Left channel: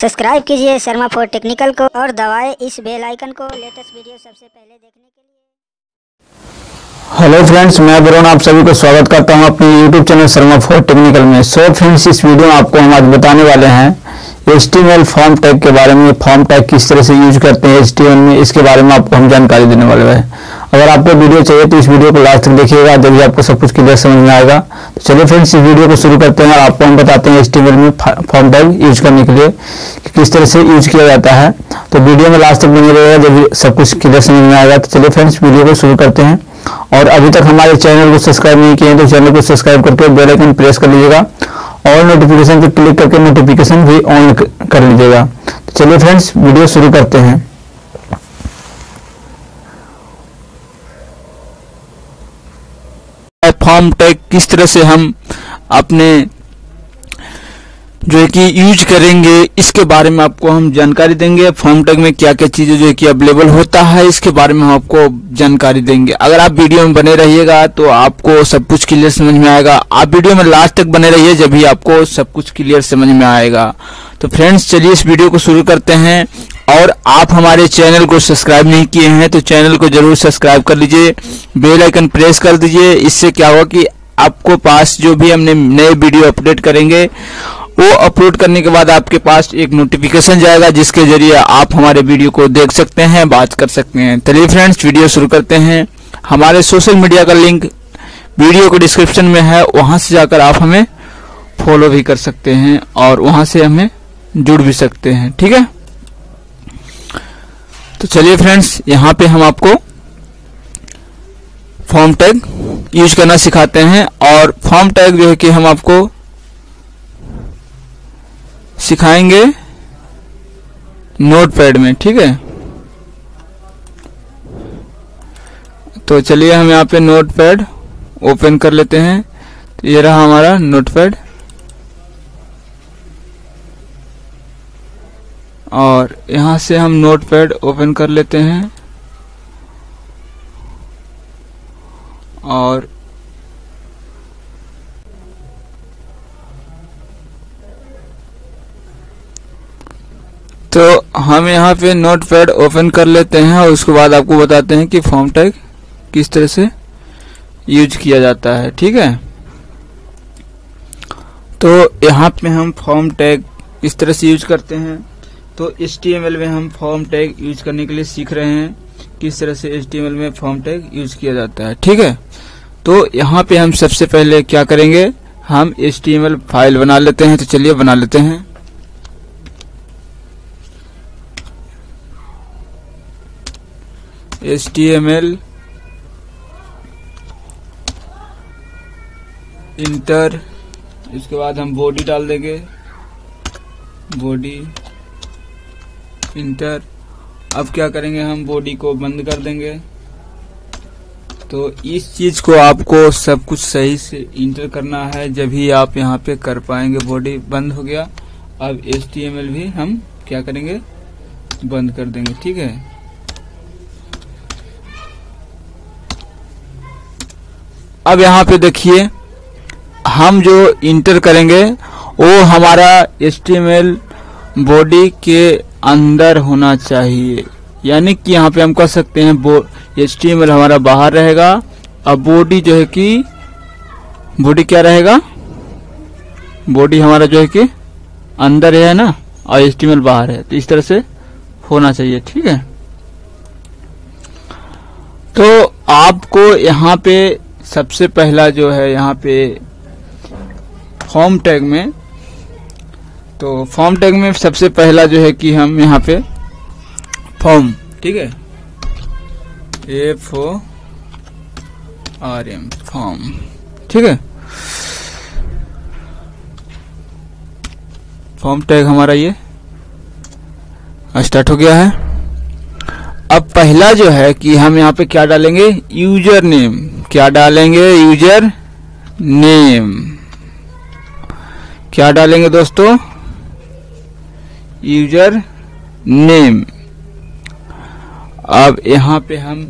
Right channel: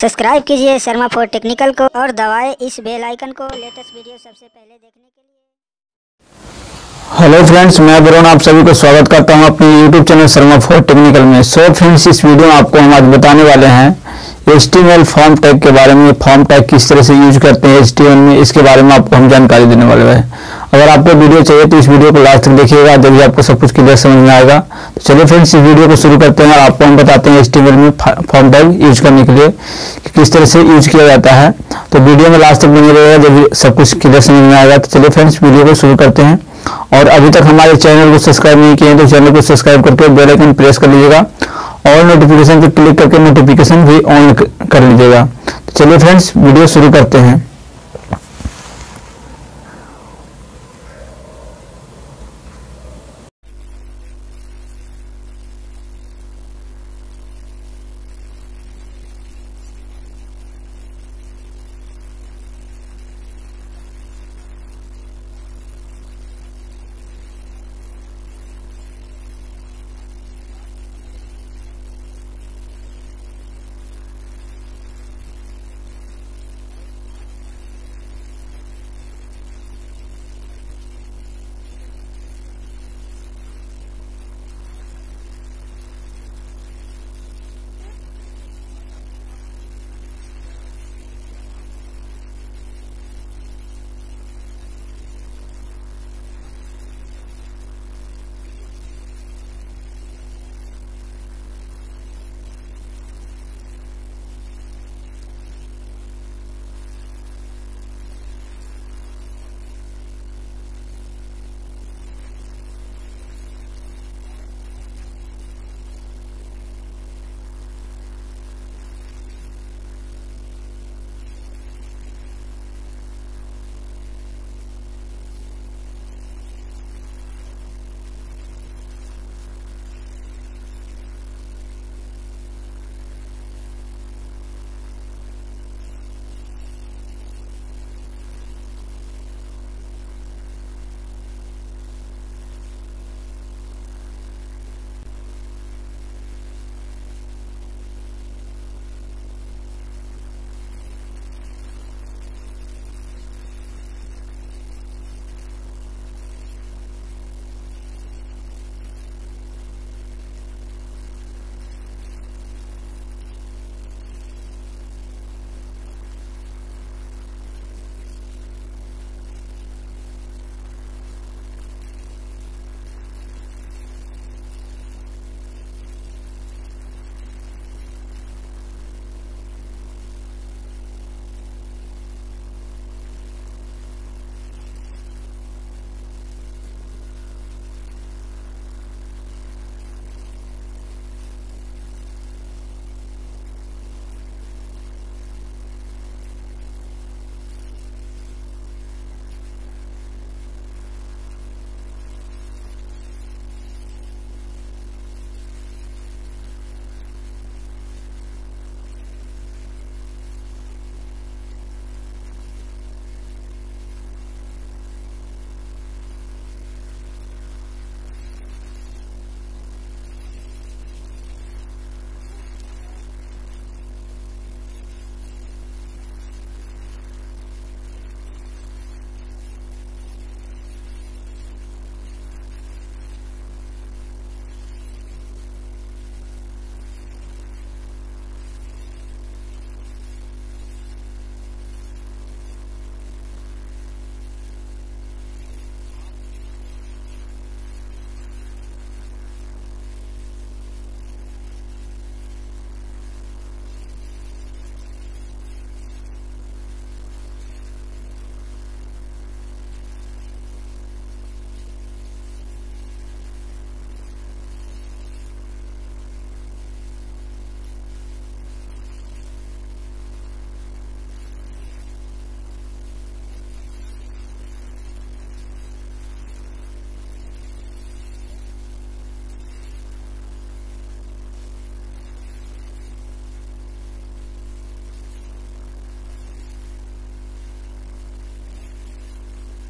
Subscribe कीजिए Sharma for technical को और दबाएं इस बेल आइकन को लेटेस्ट वीडियो सबसे पहले देखने के लिए। हेलो फ्रेंड्स, मैं वरुण आप सभी को स्वागत करता हूं अपने YouTube channel Sharma for technical में। सो फ्रेंड्स, इस वीडियो में आपको हम आज बताने वाले हैं HTML फॉर्म टैग के बारे में। फॉर्म टैग किस तरह से यूज करते हैं HTML में, इसके बारे में आपको हम जानकारी देने वाले हैं। अगर आपको वीडियो चाहिए तो इस वीडियो को लास्ट तक देखिएगा, जब आपको सब कुछ क्लियर समझ में आएगा। तो चलिए फ्रेंड्स, इस वीडियो को शुरू करते हैं और आपको हम बताते हैं HTML में फॉर्म टैग यूज करने के लिए कि किस तरह से यूज किया जाता है। तो वीडियो में लास्ट तक बने रहिएगा, जब सब कुछ क्लियर समझ में आएगा। तो चलिए फ्रेंड्स, वीडियो को शुरू करते हैं। और अभी तक हमारे चैनल को सब्सक्राइब नहीं किए हैं तो चैनल को सब्सक्राइब करके बेल आइकन प्रेस कर लीजिएगा और नोटिफिकेशन पर क्लिक करके नोटिफिकेशन भी ऑन कर लीजिएगा। तो चलिए फ्रेंड्स, वीडियो शुरू करते हैं। फॉर्म टैग किस तरह से हम अपने जो है कि यूज करेंगे, इसके बारे में आपको हम जानकारी देंगे। फॉर्म टैग में क्या क्या चीजें जो है कि अवेलेबल होता है, इसके बारे में हम आपको जानकारी देंगे। अगर आप वीडियो में बने रहिएगा तो आपको सब कुछ क्लियर समझ में आएगा। आप वीडियो में लास्ट तक बने रहिए, जब भी आपको सब कुछ क्लियर समझ में आएगा। तो फ्रेंड्स, चलिए इस वीडियो को शुरू करते हैं। और आप हमारे चैनल को सब्सक्राइब नहीं किए हैं तो चैनल को जरूर सब्सक्राइब कर लीजिए, बेल आइकन प्रेस कर दीजिए। इससे क्या होगा कि आपको पास जो भी हमने नए वीडियो अपडेट करेंगे, वो अपलोड करने के बाद आपके पास एक नोटिफिकेशन जाएगा, जिसके जरिए आप हमारे वीडियो को देख सकते हैं, बात कर सकते हैं। चलिए फ्रेंड्स, वीडियो शुरू करते हैं। हमारे सोशल मीडिया का लिंक वीडियो के डिस्क्रिप्शन में है, वहां से जाकर आप हमें फॉलो भी कर सकते हैं और वहां से हमें जुड़ भी सकते हैं, ठीक है। तो चलिए फ्रेंड्स, यहाँ पे हम आपको फॉर्म टैग यूज करना सिखाते हैं। और फॉर्म टैग जो है कि हम आपको सिखाएंगे नोटपैड में, ठीक है। तो चलिए हम यहाँ पे नोटपैड ओपन कर लेते हैं। तो ये रहा हमारा नोटपैड और यहाँ से हम नोटपैड ओपन कर लेते हैं और तो हम यहाँ पे नोटपैड ओपन कर लेते हैं और उसके बाद आपको बताते हैं कि फॉर्म टैग किस तरह से यूज किया जाता है, ठीक है। तो यहाँ पे हम फॉर्म टैग इस तरह से यूज करते हैं। तो HTML में हम फॉर्म टैग यूज करने के लिए सीख रहे हैं किस तरह से HTML में फॉर्म टैग यूज किया जाता है, ठीक है। तो यहाँ पे हम सबसे पहले क्या करेंगे, हम HTML फाइल बना लेते हैं। तो चलिए बना लेते हैं। HTML इंटर, इसके बाद हम बॉडी डाल देंगे, बॉडी इंटर। अब क्या करेंगे, हम बॉडी को बंद कर देंगे। तो इस चीज को आपको सब कुछ सही से इंटर करना है, जब ही आप यहाँ पे कर पाएंगे। बॉडी बंद हो गया। अब HTML भी हम क्या करेंगे, बंद कर देंगे, ठीक है। अब यहाँ पे देखिए, हम जो इंटर करेंगे वो हमारा HTML बॉडी के अंदर होना चाहिए। यानी कि यहाँ पे हम कह सकते हैं HTML हमारा बाहर रहेगा, अब बॉडी जो है कि बॉडी क्या रहेगा, बॉडी हमारा जो है कि अंदर है ना, और HTML बाहर है। तो इस तरह से होना चाहिए, ठीक है। तो आपको यहाँ पे सबसे पहला जो है, यहाँ पे फॉर्म टैग में, तो फॉर्म टैग में सबसे पहला जो है कि हम यहाँ पे फॉर्म, ठीक है, FORM फॉर्म, ठीक है। फॉर्म टैग हमारा ये स्टार्ट हो गया है। अब पहला जो है कि हम यहाँ पे क्या डालेंगे, यूजर नेम। क्या डालेंगे, यूजर नेम। क्या डालेंगे दोस्तों, यूजर नेम। अब यहाँ पे हम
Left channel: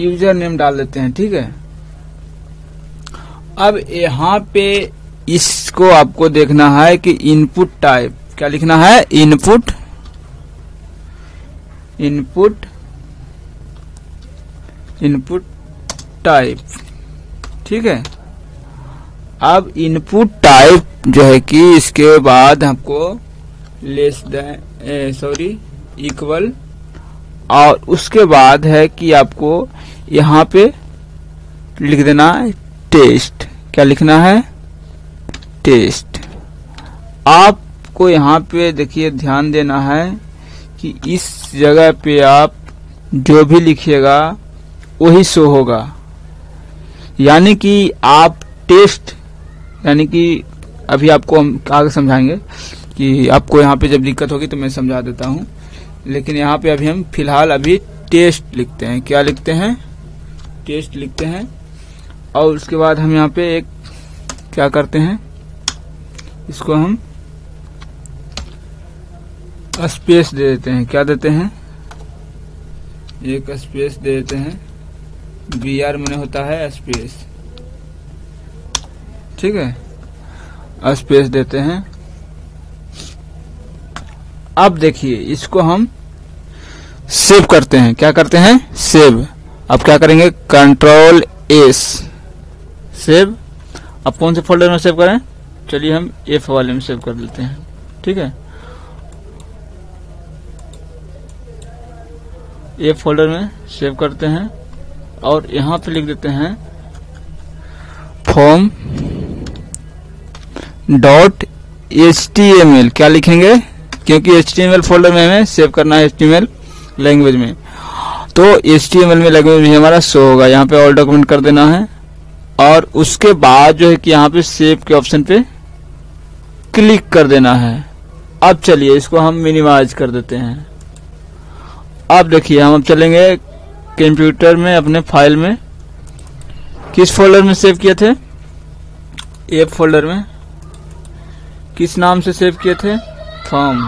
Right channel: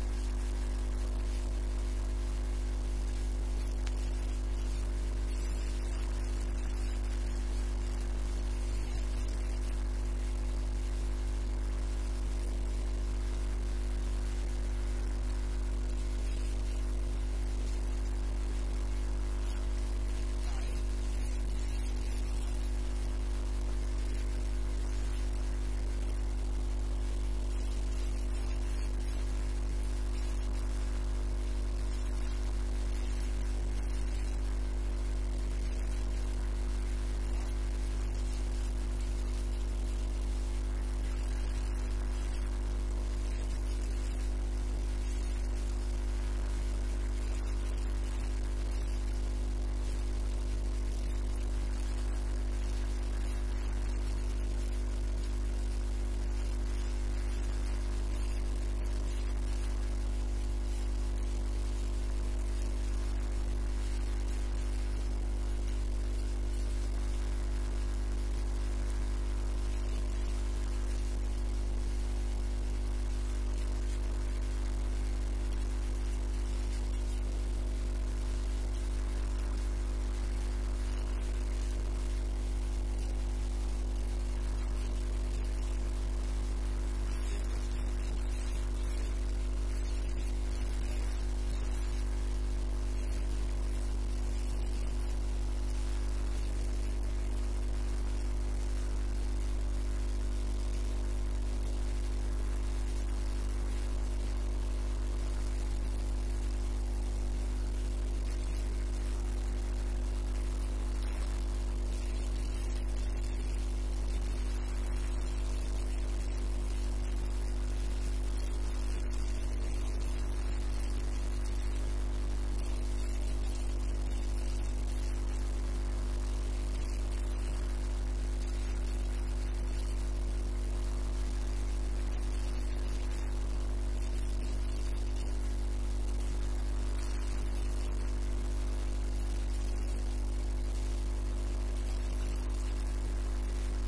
यूजर नेम डाल देते हैं, ठीक है। अब यहाँ पे इसको आपको देखना है कि इनपुट टाइप क्या लिखना है, इनपुट टाइप। ठीक है, अब इनपुट टाइप जो है कि इसके बाद हमको लेस देन इक्वल, और उसके बाद है कि आपको यहाँ पे लिख देना है टेस्ट। क्या लिखना है, टेस्ट। आपको यहाँ पे देखिए ध्यान देना है कि इस जगह पे आप जो भी लिखिएगा वही शो होगा, यानी कि आप टेस्ट, यानी कि अभी आपको हम आगे समझाएंगे कि आपको यहाँ पे जब दिक्कत होगी तो मैं समझा देता हूँ, लेकिन यहाँ पे अभी हम फिलहाल अभी टेस्ट लिखते हैं। क्या लिखते हैं, टेस्ट लिखते हैं। और उसके बाद हम यहाँ पे एक क्या करते हैं, इसको हम स्पेस दे देते हैं। क्या देते हैं, एक स्पेस दे देते हैं। BR मैंने होता है स्पेस, ठीक है, स्पेस देते हैं। अब देखिए इसको हम सेव करते हैं। क्या करते हैं, सेव। अब क्या करेंगे, कंट्रोल S, सेव। अब कौन से फोल्डर में सेव करें, चलिए हम F वाले में सेव कर देते हैं। ठीक है, F फोल्डर में सेव करते हैं और यहाँ पे लिख देते हैं form .html। क्या लिखेंगे, क्योंकि HTML फोल्डर में हमें सेव करना है, HTML लैंग्वेज में, तो HTML में लैंग्वेज में हमारा शो होगा। यहाँ पे ऑल डॉक्यूमेंट कर देना है और उसके बाद जो है कि यहाँ पे सेव के ऑप्शन पे क्लिक कर देना है। अब चलिए इसको हम मिनिमाइज कर देते हैं। अब देखिए हम अब चलेंगे कंप्यूटर में, अपने फाइल में, किस फोल्डर में सेव किए थे, F फोल्डर में। किस नाम से सेव किए थे, फॉर्म।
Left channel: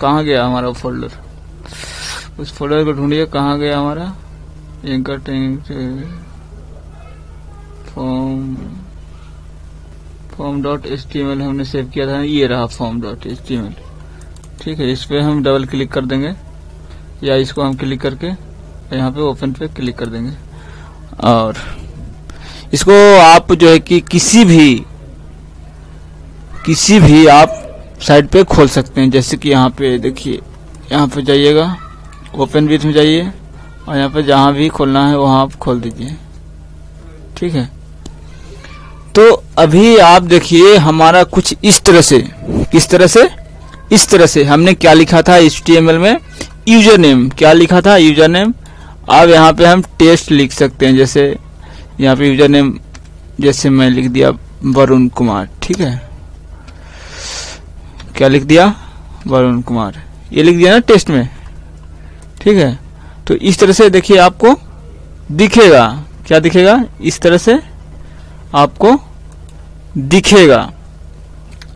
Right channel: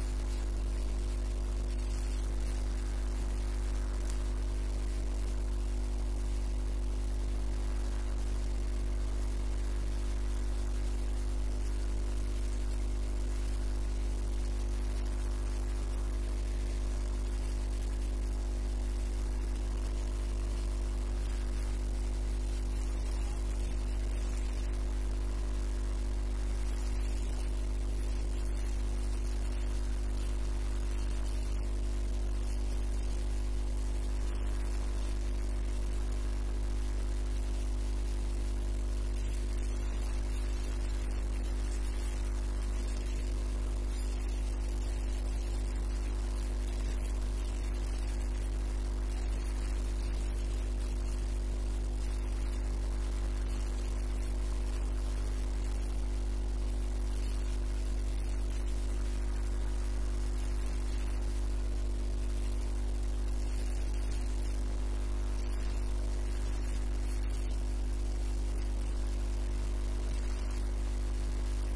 कहाँ गया हमारा फोल्डर, उस फोल्डर को ढूंढिए, कहाँ गया हमारा, form.html हमने सेव किया था, ये रहा form.html। ठीक है, इस पे हम डबल क्लिक कर देंगे या इसको हम क्लिक करके यहाँ पे ओपन पे क्लिक कर देंगे और इसको आप जो है कि किसी भी आप साइट पे खोल सकते हैं। जैसे कि यहाँ पे देखिए, यहाँ पे जाइएगा, ओपन विथ में जाइए और यहाँ पे जहाँ भी खोलना है वहाँ आप खोल दीजिए। ठीक है, तो अभी आप देखिए हमारा कुछ इस तरह से, किस तरह से, इस तरह से हमने क्या लिखा था HTML में, यूजर नेम। क्या लिखा था, यूजर नेम। अब यहाँ पे हम टेस्ट लिख सकते हैं। जैसे यहाँ पे यूजर नेम, जैसे मैं लिख दिया वरुण कुमार। ठीक है, क्या लिख दिया, वरुण कुमार, ये लिख दिया ना टेस्ट में। ठीक है, तो इस तरह से देखिए आपको दिखेगा। क्या दिखेगा, इस तरह से आपको दिखेगा।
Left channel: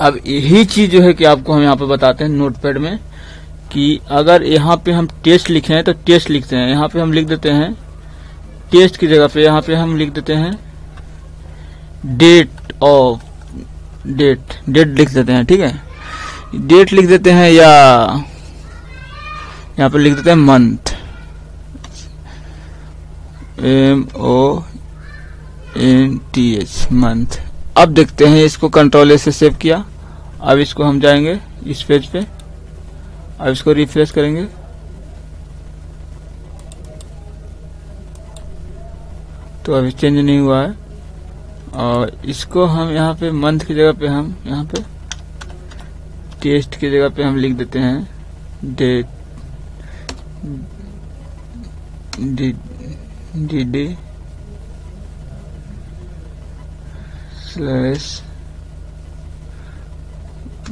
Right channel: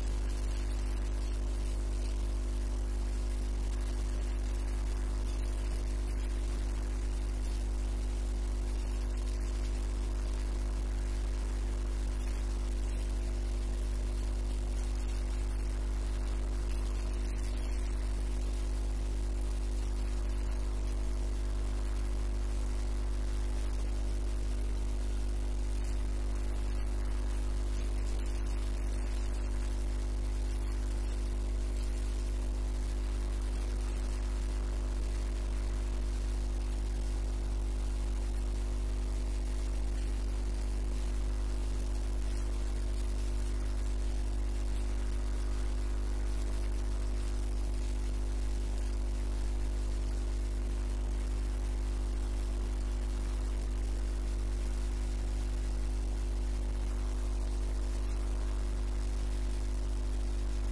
अब यही चीज जो है कि आपको हम यहाँ पे बताते हैं नोटपैड में कि अगर यहाँ पे हम टेस्ट लिखे हैं तो टेस्ट लिखते हैं। यहाँ पे हम लिख देते हैं टेस्ट की जगह पे यहाँ पे हम लिख देते हैं डेट लिख देते हैं। ठीक है, डेट लिख देते हैं या यहाँ पे लिख देते हैं मंथ, MONTH, मंथ। अब देखते हैं, इसको कंट्रोल से सेव किया। अब इसको हम जाएंगे इस पेज पे, अब इसको रिफ्रेश करेंगे तो अभी चेंज नहीं हुआ है। और इसको हम यहाँ पे मंथ की जगह पे हम यहाँ पे टेस्ट की जगह पे हम लिख देते हैं डेट, DD /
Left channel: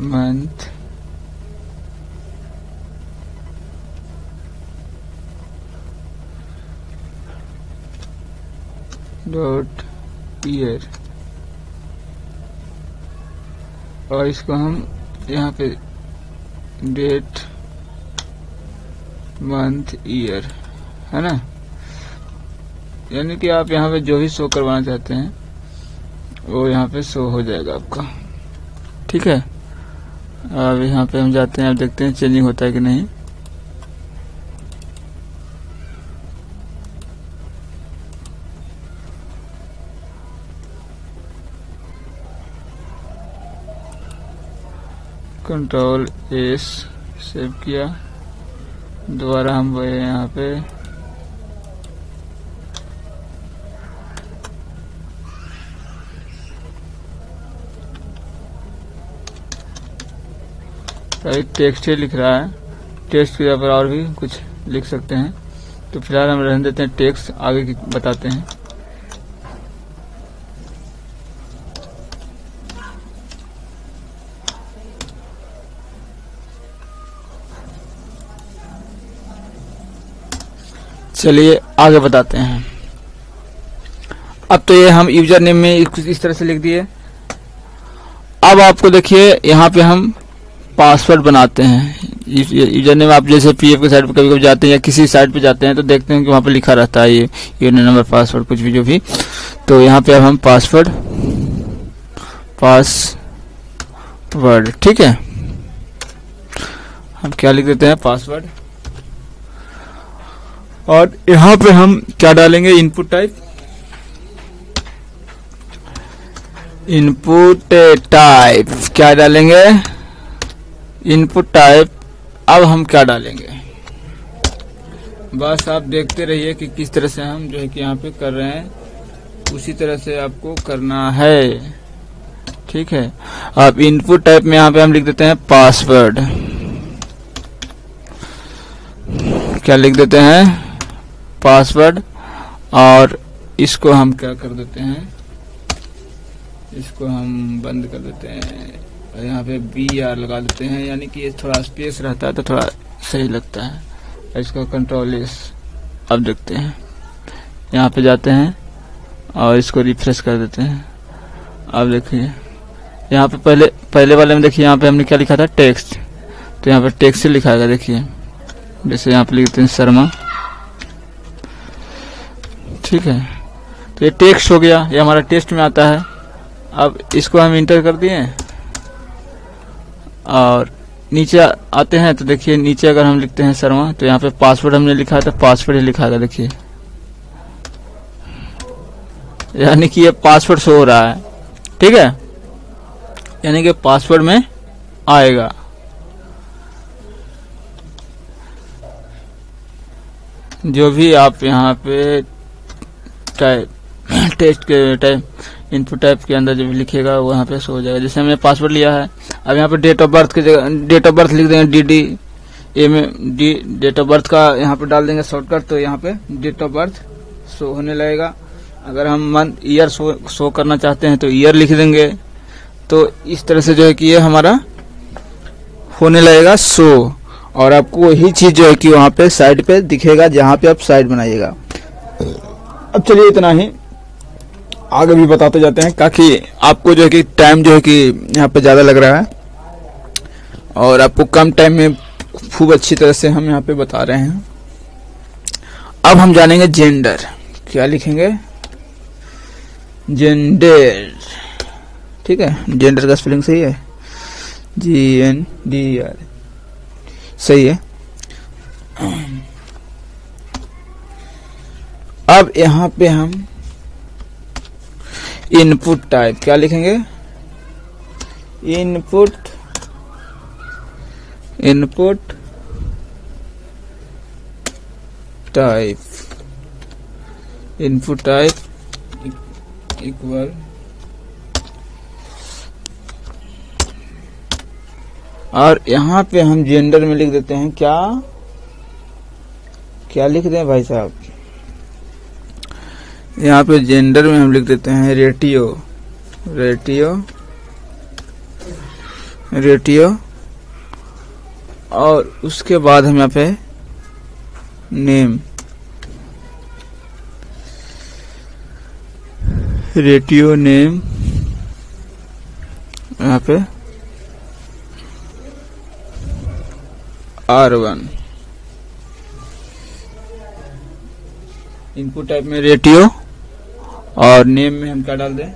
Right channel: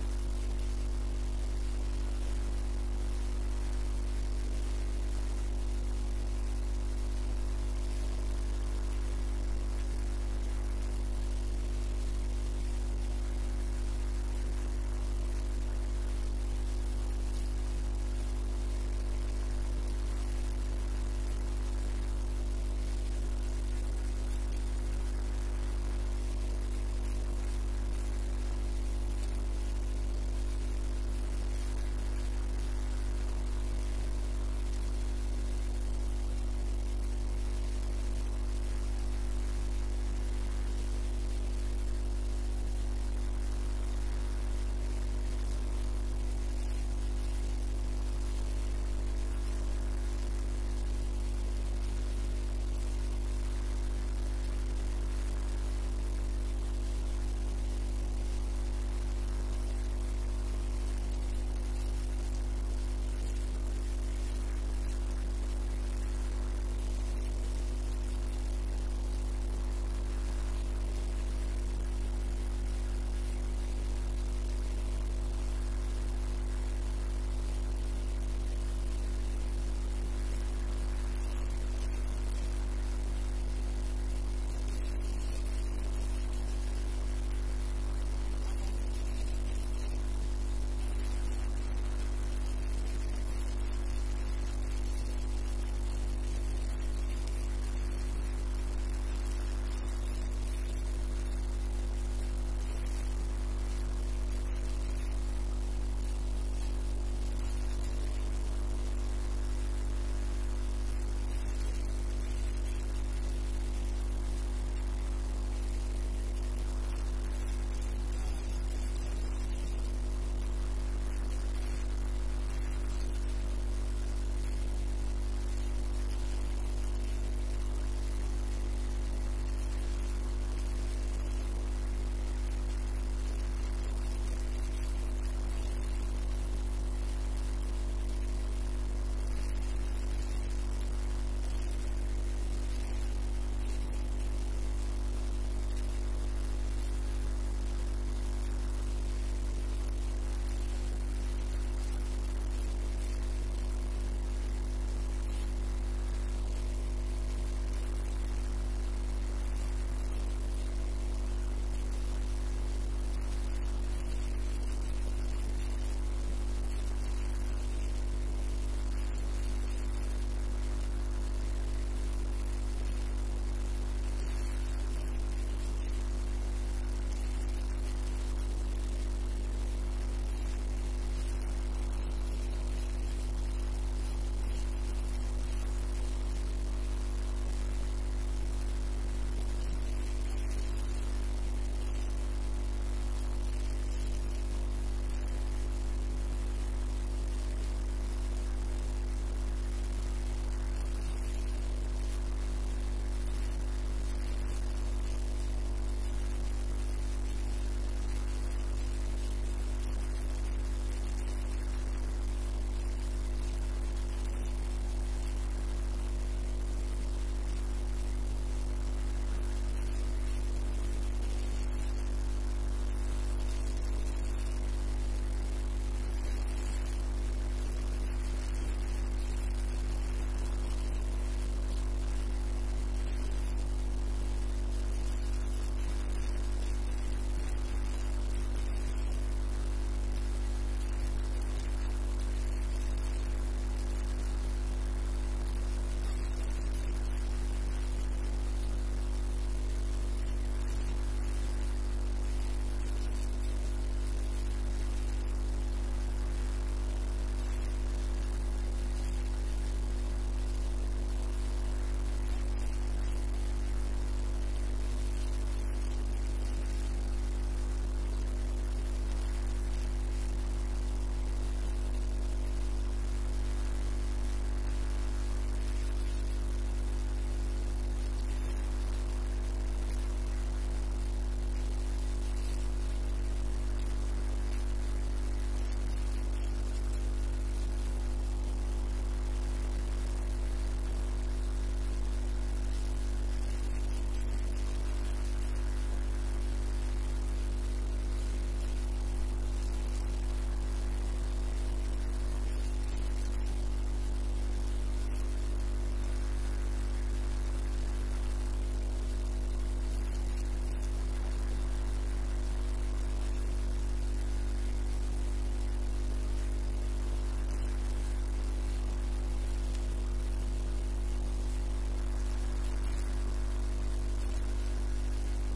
month .year। और इसको हम यहाँ पे डेट, मंथ, ईयर, है ना। यानी कि आप यहाँ पे जो भी शो करवाना चाहते हैं वो यहाँ पे शो हो जाएगा आपका। ठीक है, अब यहाँ पे हम जाते हैं, अब देखते हैं चेंजिंग होता है कि नहीं। कंट्रोल एस सेव किया, दोबारा हम गए यहाँ पे, टेक्स्ट ही लिख रहा है। टेक्स्ट के जगह पर और भी कुछ लिख सकते हैं, तो फिलहाल हम रहने देते हैं टेक्स्ट, आगे की बताते हैं। चलिए आगे बताते हैं। अब तो ये हम यूजर नेम में इस तरह से लिख दिए। अब आपको देखिए यहाँ पे हम पासवर्ड बनाते हैं। यूजर नेम आप जैसे पीएफ के साइट पे कभी कभी जाते हैं या किसी साइट पे जाते हैं तो देखते हैं कि वहाँ पे लिखा रहता है ये यूजर नंबर पासवर्ड कुछ भी जो भी। तो यहाँ पे अब हम पासवर्ड ठीक है, हम क्या लिख देते हैं पासवर्ड। और यहाँ पे हम क्या डालेंगे, इनपुट टाइप क्या डालेंगे, इनपुट टाइप। अब हम क्या डालेंगे, बस आप देखते रहिए कि किस तरह से हम जो है कि यहाँ पे कर रहे हैं, उसी तरह से आपको करना है, ठीक है। अब इनपुट टाइप में यहाँ पे हम लिख देते हैं पासवर्ड, क्या लिख देते हैं पासवर्ड। और इसको हम क्या कर देते हैं, इसको हम बंद कर देते हैं, यहाँ पे BR लगा देते हैं, यानी कि ये थोड़ा स्पेस रहता है तो थोड़ा सही लगता है। इसको कंट्रोल एस। अब देखते हैं, यहाँ पे जाते हैं और इसको रिफ्रेश कर देते हैं। अब देखिए यहाँ पे पहले वाले में देखिए यहाँ पे हमने क्या लिखा था टेक्स्ट, तो यहाँ पे टेक्स्ट से लिखा है, देखिए जैसे यहाँ पे लिखते हैं शर्मा, ठीक है। तो ये टेक्स्ट हो गया, ये हमारा टेक्स्ट में आता है। अब इसको हम इंटर कर दिए और नीचे आते हैं तो देखिए नीचे अगर हम लिखते हैं शर्मा तो यहाँ पे पासवर्ड हमने लिखा है तो पासवर्ड ही लिखा है, देखिए यानी कि ये पासवर्ड शो हो रहा है, ठीक है, यानी कि पासवर्ड में आएगा। जो भी आप यहाँ पे टेक्स्ट के टाइप इनपुट टाइप के अंदर जो भी लिखेगा वो यहाँ पे शो हो जाएगा। जैसे हमने पासवर्ड लिया है, अब यहाँ पे डेट ऑफ बर्थ की जगह डेट ऑफ बर्थ लिख देंगे DD में डेट ऑफ बर्थ का यहाँ पे डाल देंगे शॉर्टकट, तो यहाँ पे डेट ऑफ बर्थ शो होने लगेगा। अगर हम मंथ ईयर शो करना चाहते हैं तो ईयर लिख देंगे, तो इस तरह से जो है कि ये हमारा होने लगेगा शो, और आपको वही चीज जो है कि वहाँ पे साइड पे दिखेगा जहाँ पे आप साइट बनाइएगा। अब चलिए इतना ही, आगे भी बताते जाते हैं ताकि आपको जो है कि टाइम जो है कि यहाँ पे ज़्यादा लग रहा है और आपको कम टाइम में खूब अच्छी तरह से हम यहाँ पे बता रहे हैं। अब हम जानेंगे जेंडर, क्या लिखेंगे जेंडर, ठीक है। जेंडर का स्पेलिंग सही है, GNDR सही है। अब यहाँ पे हम इनपुट टाइप क्या लिखेंगे, इनपुट टाइप इक्वल, और यहाँ पे हम जेंडर में लिख देते हैं क्या लिख दें भाई साहब, यहाँ पे जेंडर में हम लिख देते हैं रेटियो, और उसके बाद हम यहाँ पे नेम, रेटियो नेम, यहाँ पे R1, इनपुट टाइप में रेटियो और नेम में हम क्या डाल दें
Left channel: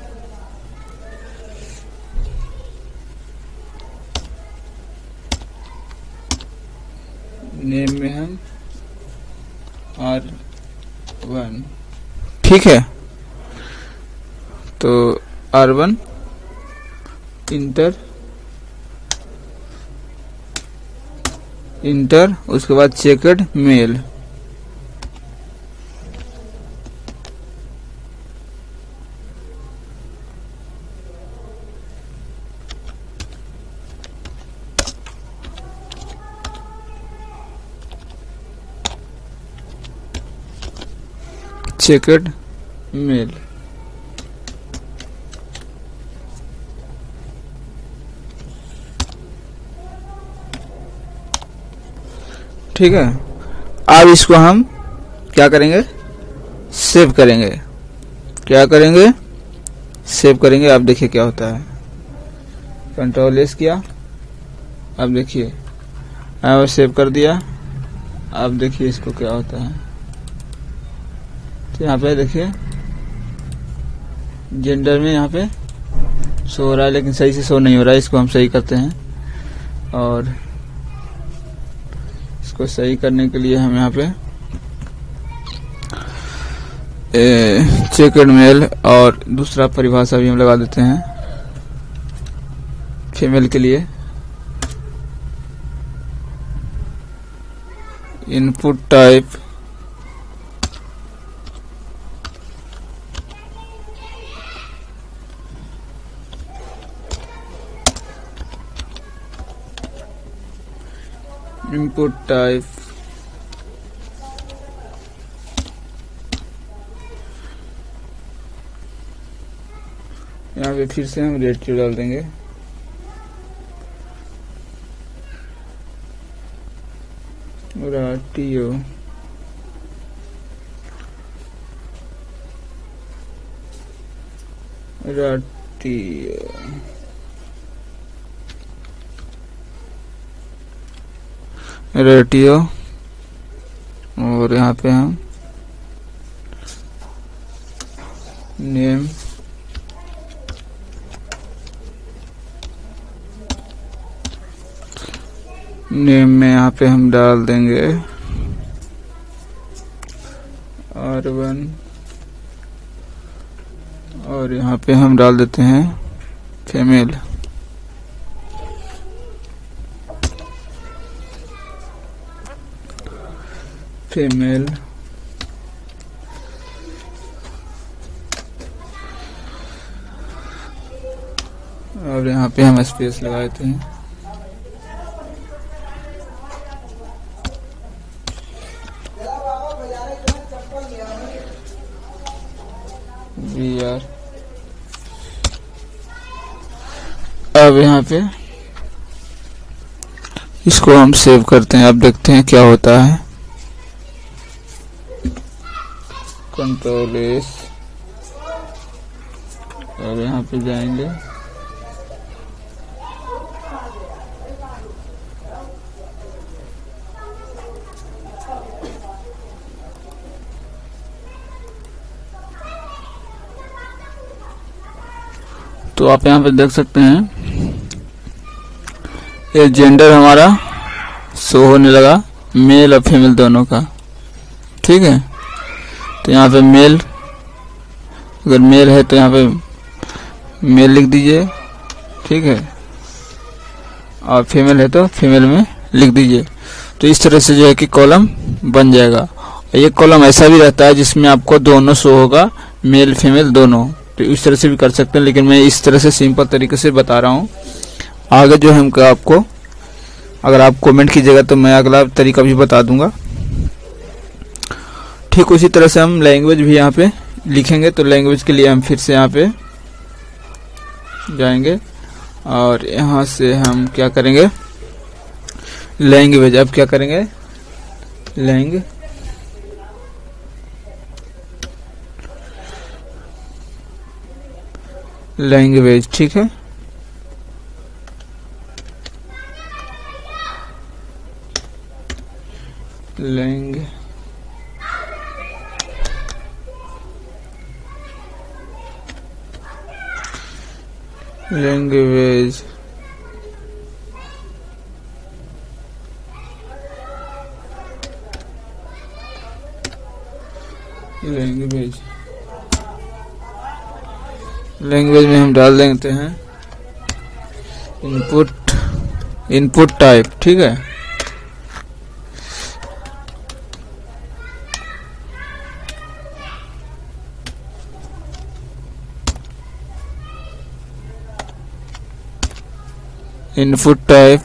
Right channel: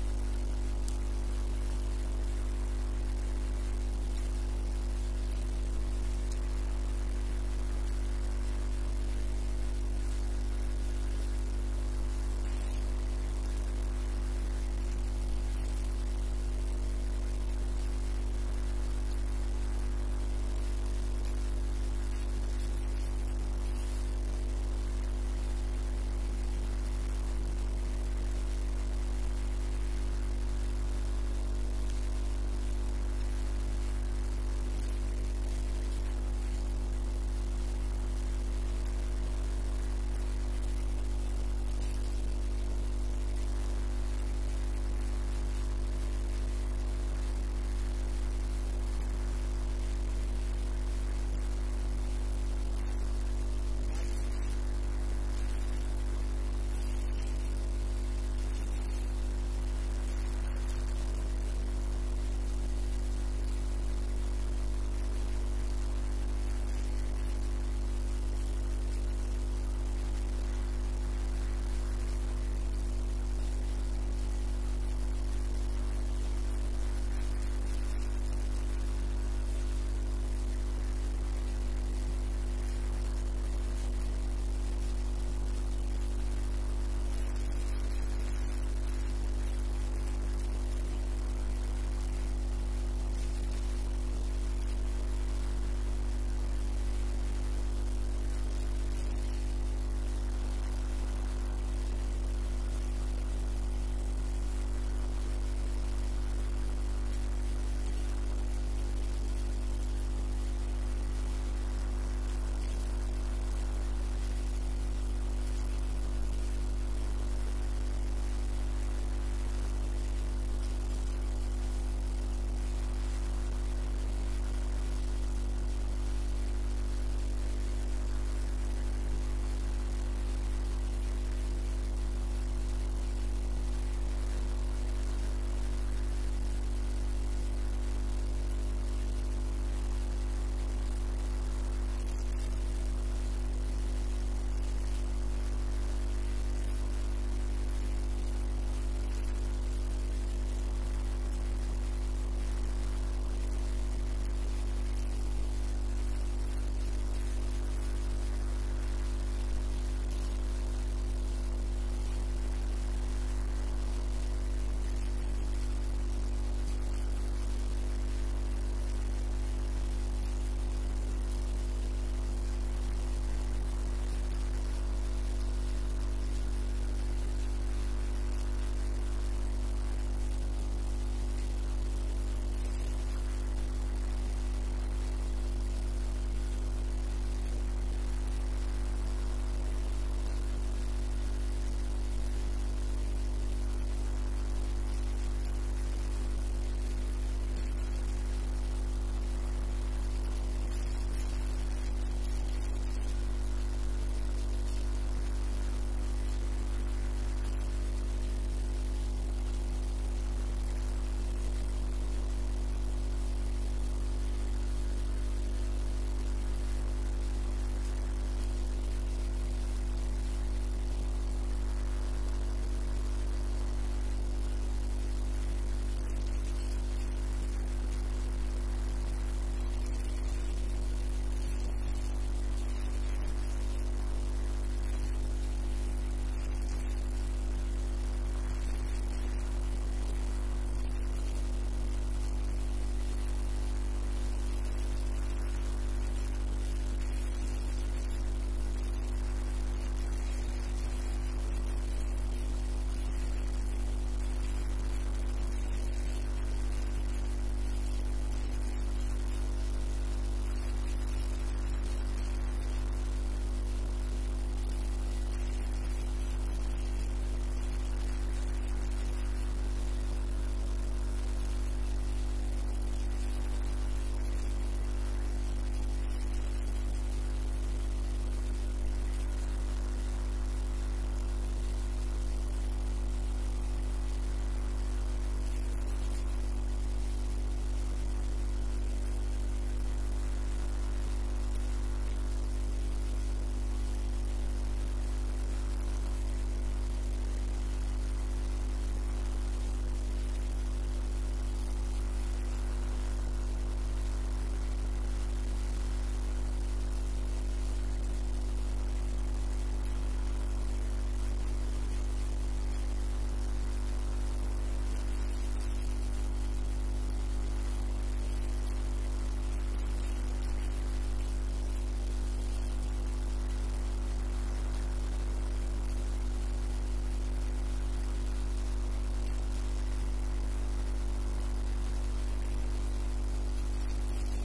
नेम में हम R1, ठीक है। तो R1 इंटर उसके बाद चेकड मेल, चेकड मेल। ठीक है, अब इसको हम क्या करेंगे, सेव करेंगे। क्या करेंगे, सेव करेंगे। अब देखिए क्या होता है, कंट्रोल एस किया, अब देखिए अब सेव कर दिया। अब देखिए इसको क्या होता है, तो यहाँ पे देखिए जेंडर में यहाँ पे शो हो रहा है, लेकिन सही से शो नहीं हो रहा है। इसको हम सही करते हैं, और इसको सही करने के लिए हम यहाँ पे चेकड मेल और दूसरा परिभाषा भी हम लगा देते हैं फीमेल के लिए। इनपुट टाइप इनपुट टाइप यहाँ पे फिर से हम रेटियो डाल देंगे। रेटियो रेटियो और यहाँ पे हम नेम में यहाँ पे हम डाल देंगे R1 और यहाँ पे हम डाल देते हैं फीमेल। और यहाँ पे हम स्पेस लगा देते हैं। BR अब यहाँ पे इसको हम सेव करते हैं। अब देखते हैं क्या होता है। कंट्रोल एस, अब यहाँ पे जाएंगे, तो आप यहाँ पे देख सकते हैं ये जेंडर हमारा शो होने लगा, मेल और फीमेल दोनों का। ठीक है, तो यहाँ पे मेल, अगर मेल है तो यहाँ पे मेल लिख दीजिए। ठीक है, और फीमेल है तो फीमेल में लिख दीजिए। तो इस तरह से जो है कि कॉलम बन जाएगा। ये कॉलम ऐसा भी रहता है जिसमें आपको दोनों शो होगा, मेल फीमेल दोनों। तो इस तरह से भी कर सकते हैं, लेकिन मैं इस तरह से सिंपल तरीके से बता रहा हूँ। आगे जो है आपको, अगर आप कमेंट कीजिएगा तो मैं अगला तरीका भी बता दूंगा। ठीक उसी तरह से हम लैंग्वेज भी यहाँ पे लिखेंगे। तो लैंग्वेज के लिए हम फिर से यहाँ पे जाएंगे और यहाँ से हम क्या करेंगे, लैंग्वेज। अब क्या करेंगे, लैंग्वेज। ठीक है, लैंग्वेज लैंग्वेज में हम डाल देते हैं इनपुट टाइप। ठीक है, इनपुट टाइप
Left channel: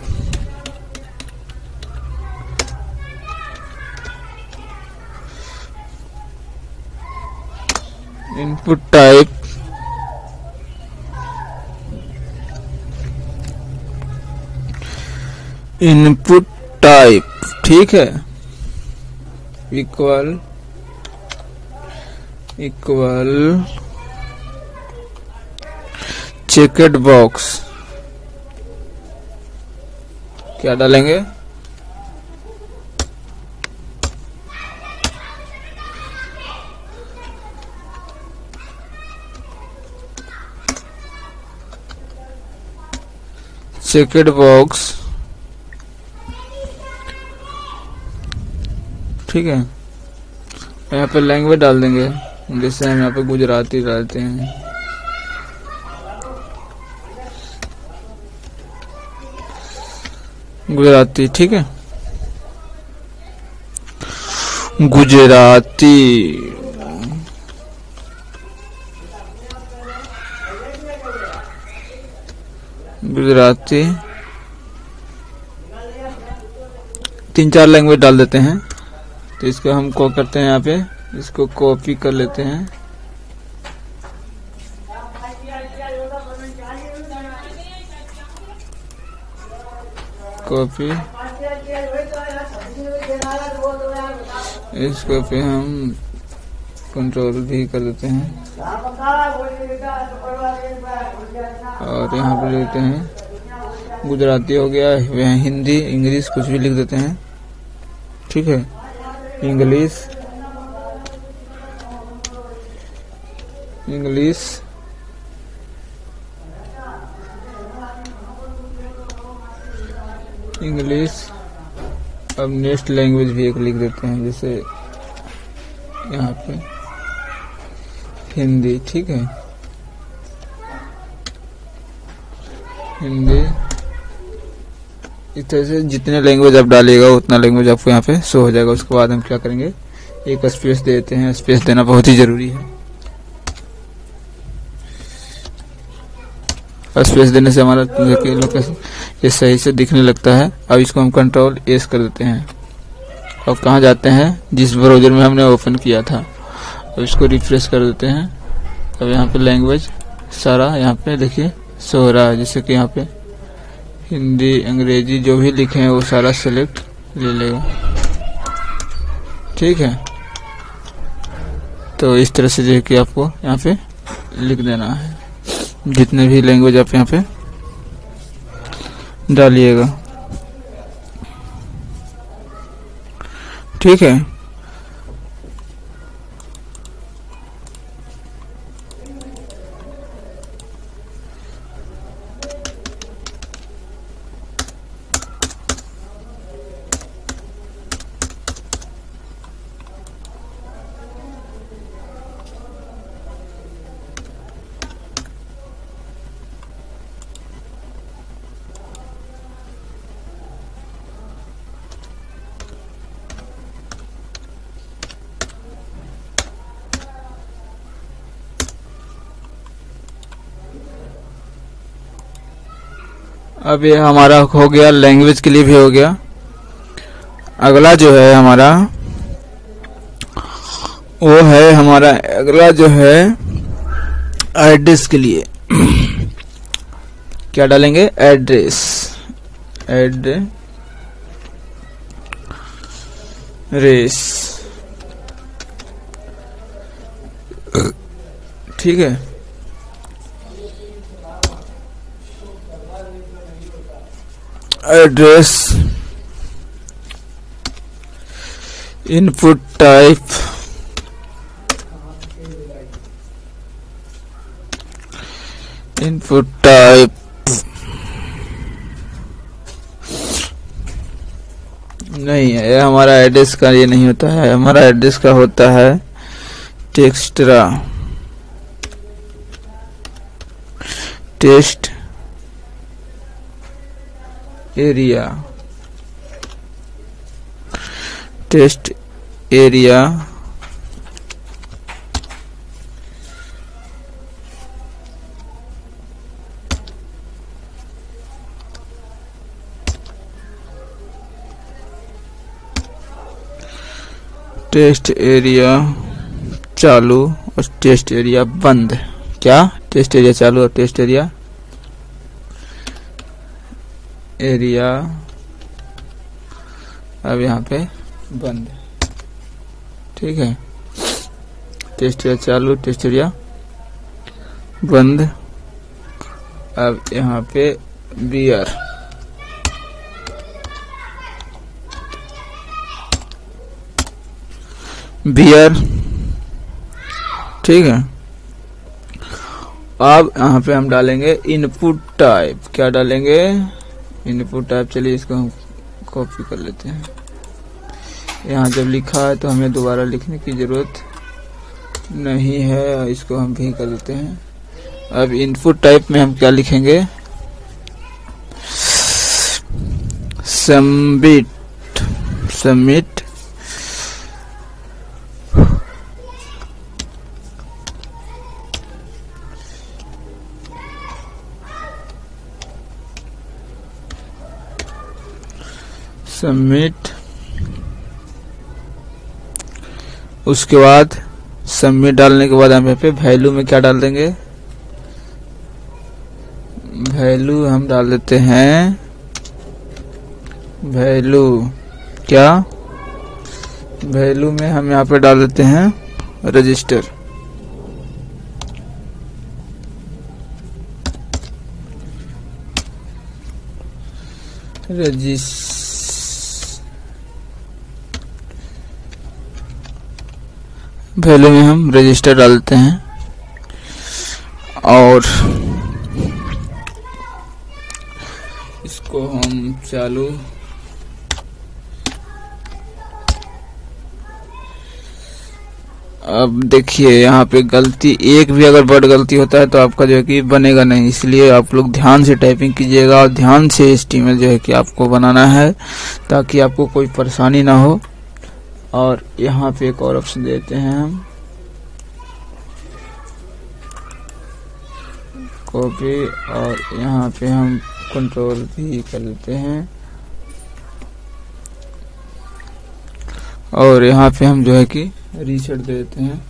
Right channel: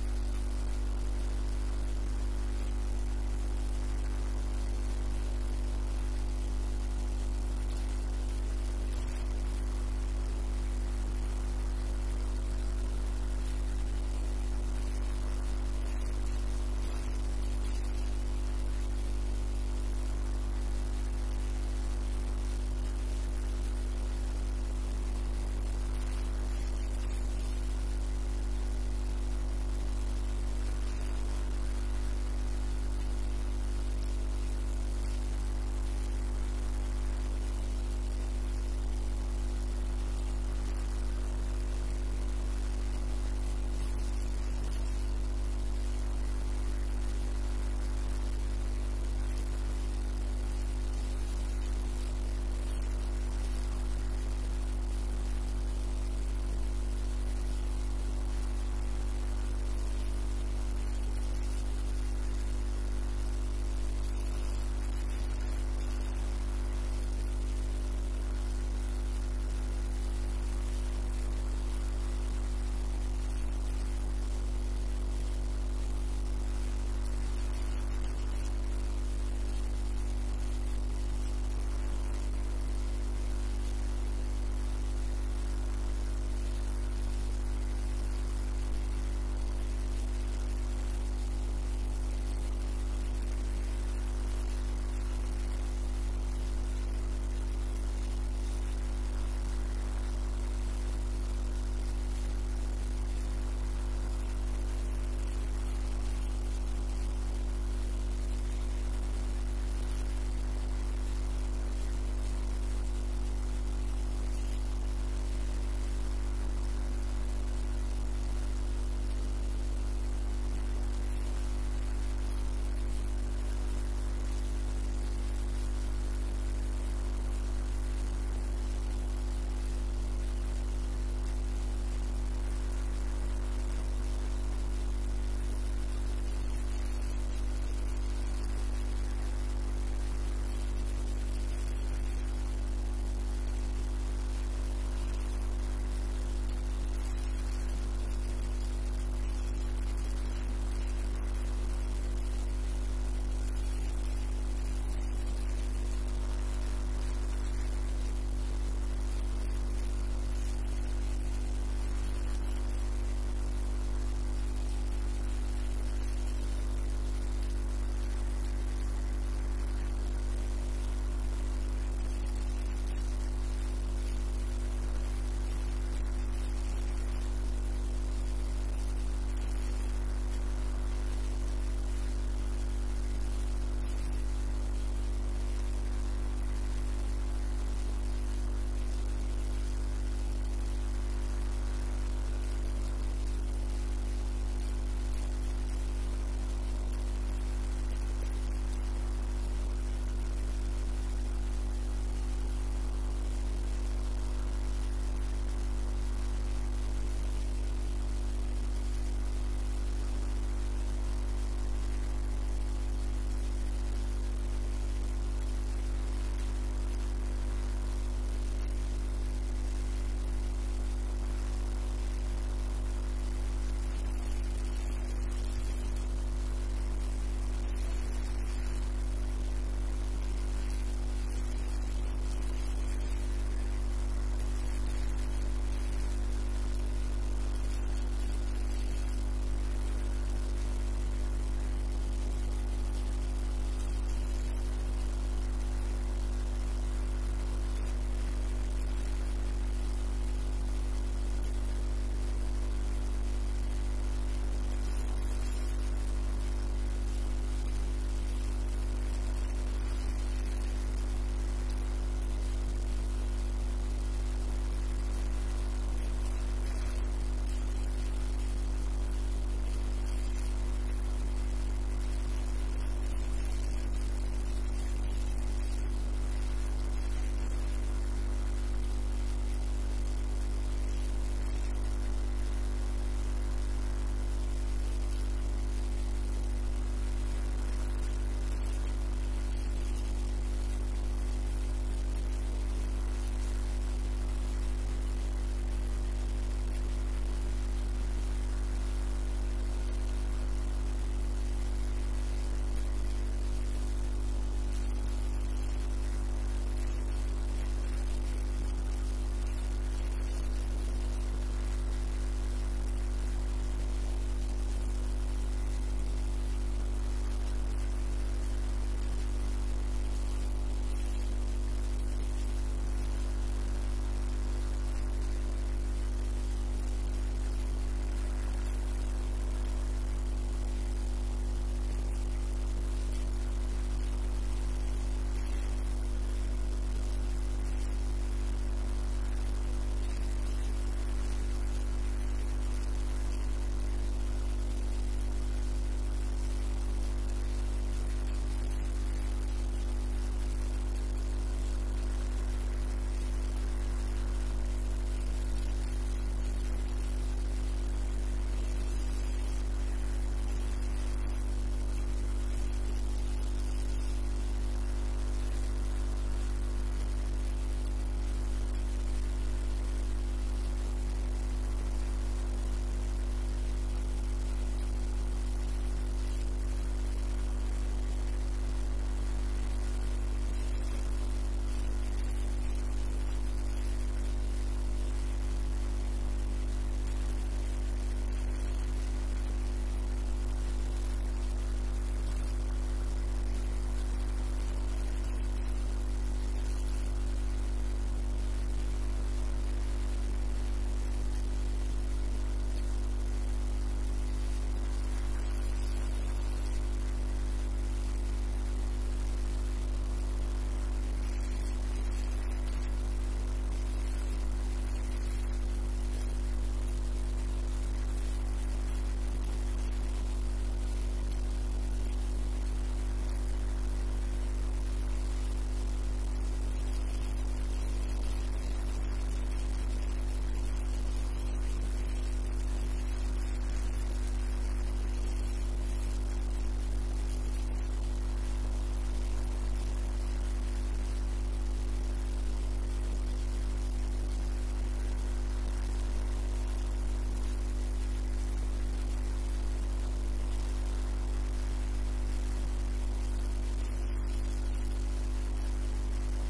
इनपुट टाइप। ठीक है, इक्वल चेकड बॉक्स। क्या डालेंगे? Checked box. ठीक है, यहाँ पे लैंग्वेज डाल देंगे, जैसे हम यहाँ पे गुजराती डालते हैं। गुजराती। ठीक है, गुजराती। गुजराती 3-4 लैंग्वेज डाल देते हैं। तो इसको हम क्या करते हैं, यहाँ पे इसको कॉपी कर लेते हैं। कॉपी, इसको पे हम कंट्रोल भी कर देते हैं और यहाँ पे लेते हैं गुजराती हो गया, वह हिंदी इंग्लिश कुछ भी लिख देते हैं। ठीक है, इंग्लिश अब नेक्स्ट लैंग्वेज भी एक लिख देते हैं, जैसे यहाँ पे हिंदी। ठीक है, हिंदी। इस तरह से जितने लैंग्वेज आप डालिएगा उतना लैंग्वेज आपको यहाँ पे शो हो जाएगा। उसके बाद हम क्या करेंगे, एक स्पेस देते हैं। स्पेस देना बहुत ही जरूरी है। स्पेस देने से हमारा लोकेशन ये सही से दिखने लगता है। अब इसको हम कंट्रोल एस कर देते हैं और कहाँ जाते हैं, जिस ब्राउज़र में हमने ओपन किया था। अब इसको रिफ्रेश कर देते हैं। अब यहाँ पे लैंग्वेज सारा यहाँ पे देखिए शो हो रहा है, जैसे कि यहाँ पे हिंदी अंग्रेजी जो भी लिखे हैं वो सारा सेलेक्ट ले लेगा। ठीक है, तो इस तरह से जो है कि आपको यहाँ पे लिख देना है, जितने भी लैंग्वेज आप यहाँ पे डालिएगा। ठीक है, अब ये हमारा हो गया, लैंग्वेज के लिए भी हो गया। अगला जो है हमारा वो है हमारा अगला जो है एड्रेस के लिए। क्या डालेंगे, एड्रेस। ठीक है, एड्रेस इनपुट टाइप नहीं है, हमारा एड्रेस का ये नहीं होता है। हमारा एड्रेस का होता है टेक्स्ट्रा test area test area test area चालू और टेस्ट एरिया बंद। क्या? टेस्ट एरिया चालू और टेस्ट एरिया अब यहाँ पे बंद। ठीक है, टेस्ट एरिया चालू, टेस्ट एरिया बंद। अब यहाँ पे बियर ठीक है। अब यहाँ पे हम डालेंगे इनपुट टाइप। क्या डालेंगे? Input type. चलिए इसको हम कॉपी कर लेते हैं। यहाँ जब लिखा है तो हमें दोबारा लिखने की जरूरत नहीं है, इसको हम भी कर लेते हैं। अब इनपुट टाइप में हम क्या लिखेंगे? सबमिट उसके बाद सबमिट डालने के बाद हम यहाँ पे वैल्यू में क्या डाल देंगे? वैल्यू हम डाल देते हैं वैल्यू। क्या? वैल्यू में हम यहाँ पे डाल देते हैं रजिस्टर। वैल्यू में हम रजिस्टर डालते हैं और इसको हम चालू। अब देखिए यहाँ पे गलती, एक भी अगर वर्ड गलती होता है तो आपका जो है कि बनेगा नहीं, इसलिए आप लोग ध्यान से टाइपिंग कीजिएगा और ध्यान से HTML जो है कि आपको बनाना है ताकि आपको कोई परेशानी ना हो। और यहाँ पे एक और ऑप्शन देते हैं हम, कॉपी, और यहाँ पे हम कंट्रोल भी कर लेते हैं और यहाँ पे हम जो है कि रीसेट देते हैं।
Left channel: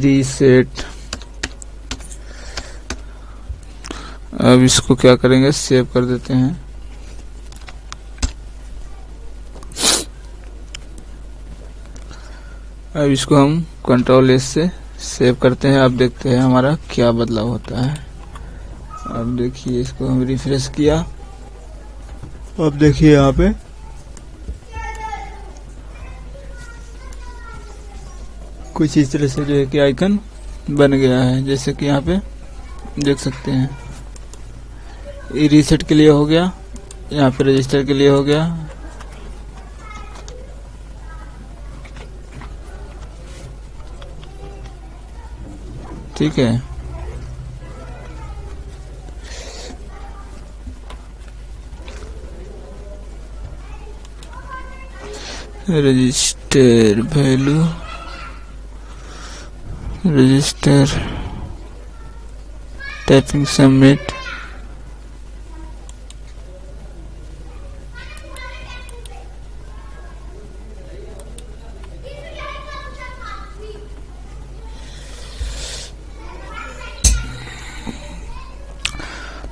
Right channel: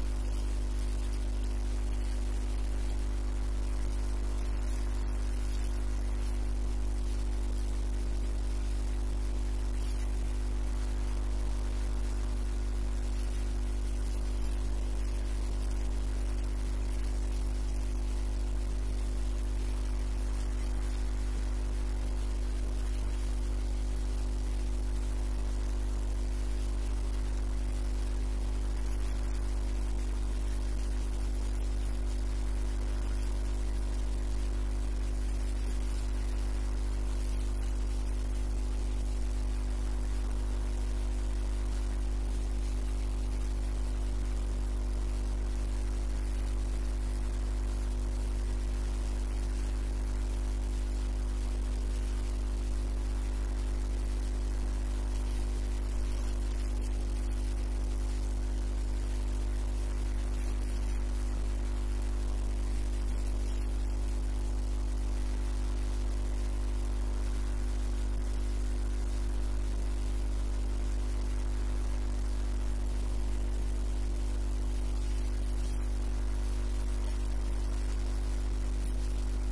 रीसेट। अब इसको क्या करेंगे? सेव कर देते हैं। अब इसको हम कंट्रोल S से सेव करते हैं। अब देखते हैं हमारा क्या बदलाव होता है। अब देखिए इसको हम रिफ्रेश किया। अब देखिए यहाँ पे कुछ इस तरह से जो है कि आइकन बन गया है, जैसे कि यहाँ पे देख सकते हैं। ये रीसेट के लिए हो गया, यहाँ पे रजिस्टर के लिए हो गया। ठीक है, register value, register typing submit.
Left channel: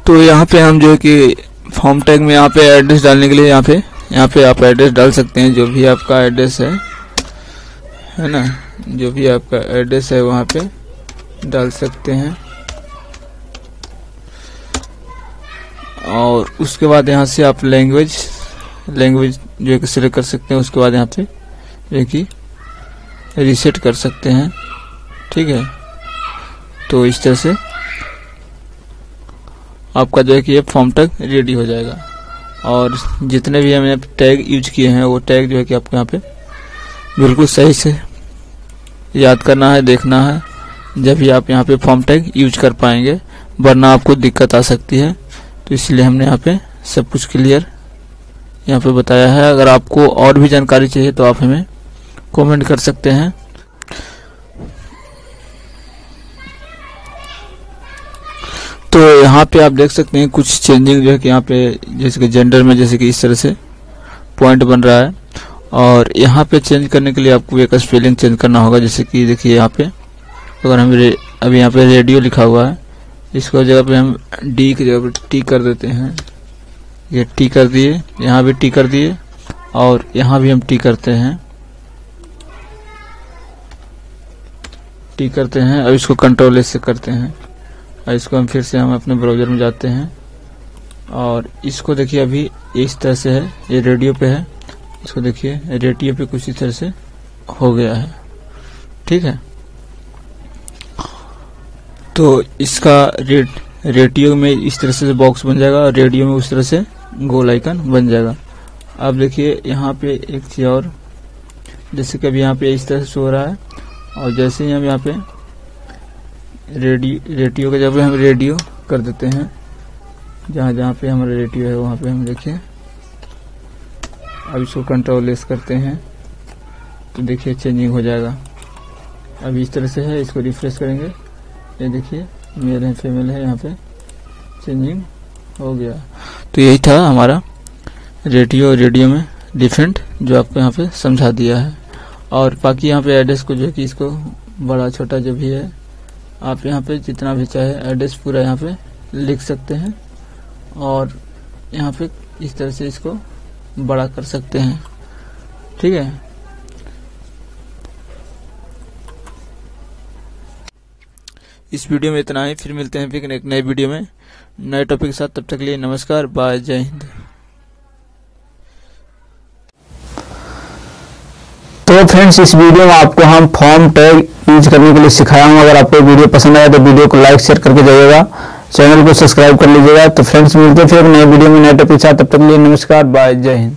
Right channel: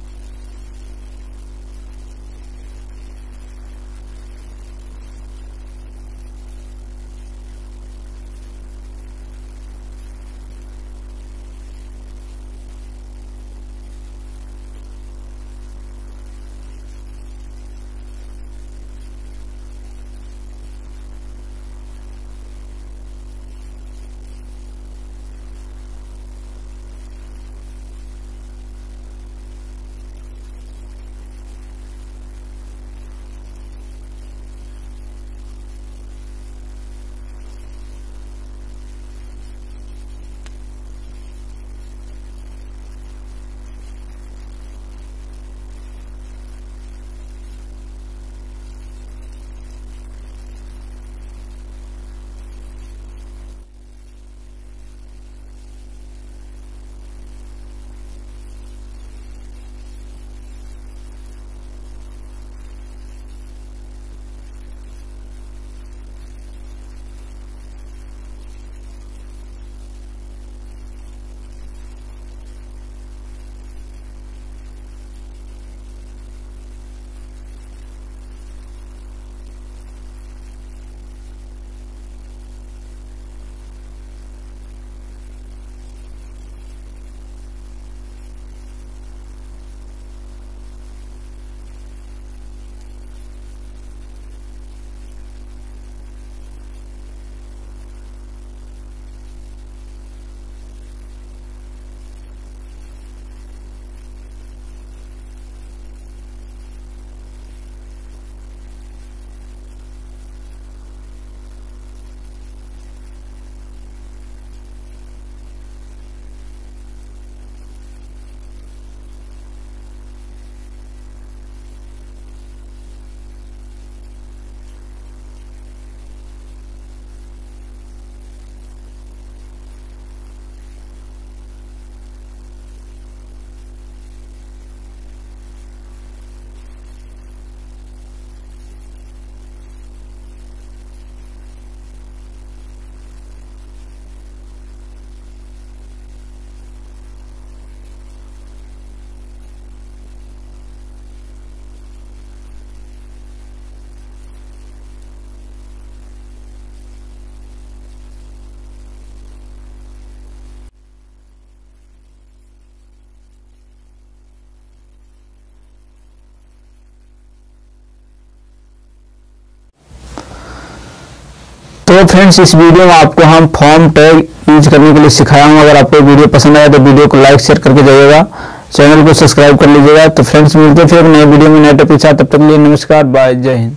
तो यहाँ पे हम जो है कि फॉर्म टैग में यहाँ पे एड्रेस डालने के लिए यहाँ पे आप एड्रेस डाल सकते हैं, जो भी आपका एड्रेस है ना, जो भी आपका एड्रेस है वहाँ पे डाल सकते हैं। और उसके बाद यहाँ से आप लैंग्वेज जो है कि सिलेक्ट कर सकते हैं। उसके बाद यहाँ पे जो है कि रीसेट कर सकते हैं। ठीक है, तो इस तरह से आपका जो है कि ये फॉर्म टैग रेडी हो जाएगा। और जितने भी हमने टैग यूज किए हैं वो टैग जो है कि आपको यहाँ पे बिल्कुल सही से याद करना है, देखना है, जब भी आप यहाँ पे फॉर्म टैग यूज कर पाएंगे, वरना आपको दिक्कत आ सकती है। तो इसलिए हमने यहाँ पे सब कुछ क्लियर यहाँ पे बताया है। अगर आपको और भी जानकारी चाहिए तो आप हमें कमेंट कर सकते हैं। तो यहाँ पे आप देख सकते हैं कुछ चेंजिंग जो है कि यहाँ पे जैसे कि जेंडर में जैसे कि इस तरह से पॉइंट बन रहा है, और यहाँ पे चेंज करने के लिए आपको एक स्पेलिंग चेंज करना होगा। जैसे कि देखिए यहाँ पे अगर हम अभी यहाँ पे रेडियो लिखा हुआ है, इसको जगह पे हम डी की जगह पे टी कर देते हैं। ये टी कर दिए, यहाँ भी टी कर दिए, और यहाँ भी हम टी करते हैं, टी करते हैं। अब इसको कंट्रोल एस से करते हैं, और इसको हम फिर से हम अपने ब्राउज़र में जाते हैं, और इसको देखिए अभी इस तरह से है, ये रेडियो पे है। इसको देखिए रेडियो पे कुछ इस तरह से हो गया है, ठीक है। तो इसका रेडियो में इस तरह से बॉक्स बन जाएगा, और रेडियो में उस तरह से गोल आइकन बन जाएगा। अब देखिए यहाँ पे एक चीज़ और, जैसे कि अभी यहाँ पे इस तरह से शो रहा है, और जैसे ही हम यहाँ पे रेडियो का जब हम रेडियो कर देते हैं, जहाँ जहाँ पे हमारा रेडियो है वहाँ पे हम देखिए, अब इसको कंट्रोल एस करते हैं तो देखिए चेंजिंग हो जाएगा। अब इस तरह से है, इसको रिफ्रेश करेंगे, ये देखिए मेल है फीमेल है, यहाँ पे चेंजिंग हो गया। तो यही था हमारा रेडियो में डिफरेंट, जो आपको यहाँ पे समझा दिया है। और बाकी यहाँ पे एड्रेस को जो है कि इसको बड़ा छोटा जो भी है, आप यहाँ पे जितना भी चाहे एड्रेस पूरा यहाँ पे लिख सकते हैं, और यहाँ पे इस तरह से इसको बड़ा कर सकते हैं, ठीक है। इस वीडियो में इतना ही, फिर मिलते हैं फिर एक नए वीडियो में नए टॉपिक के साथ। तब तक के लिए नमस्कार, बाय, जय हिंद। तो फ्रेंड्स, इस वीडियो में आपको हम फॉर्म टैग यूज करने के लिए सिखाया हूँ। अगर आपको वीडियो पसंद आया तो वीडियो को लाइक शेयर करके जाइएगा, चैनल को सब्सक्राइब कर लीजिएगा। तो फ्रेंड्स मिलते हैं फिर नए वीडियो में नए टॉपिक के साथ। तब तक के लिए नमस्कार, बाय, जय हिंद।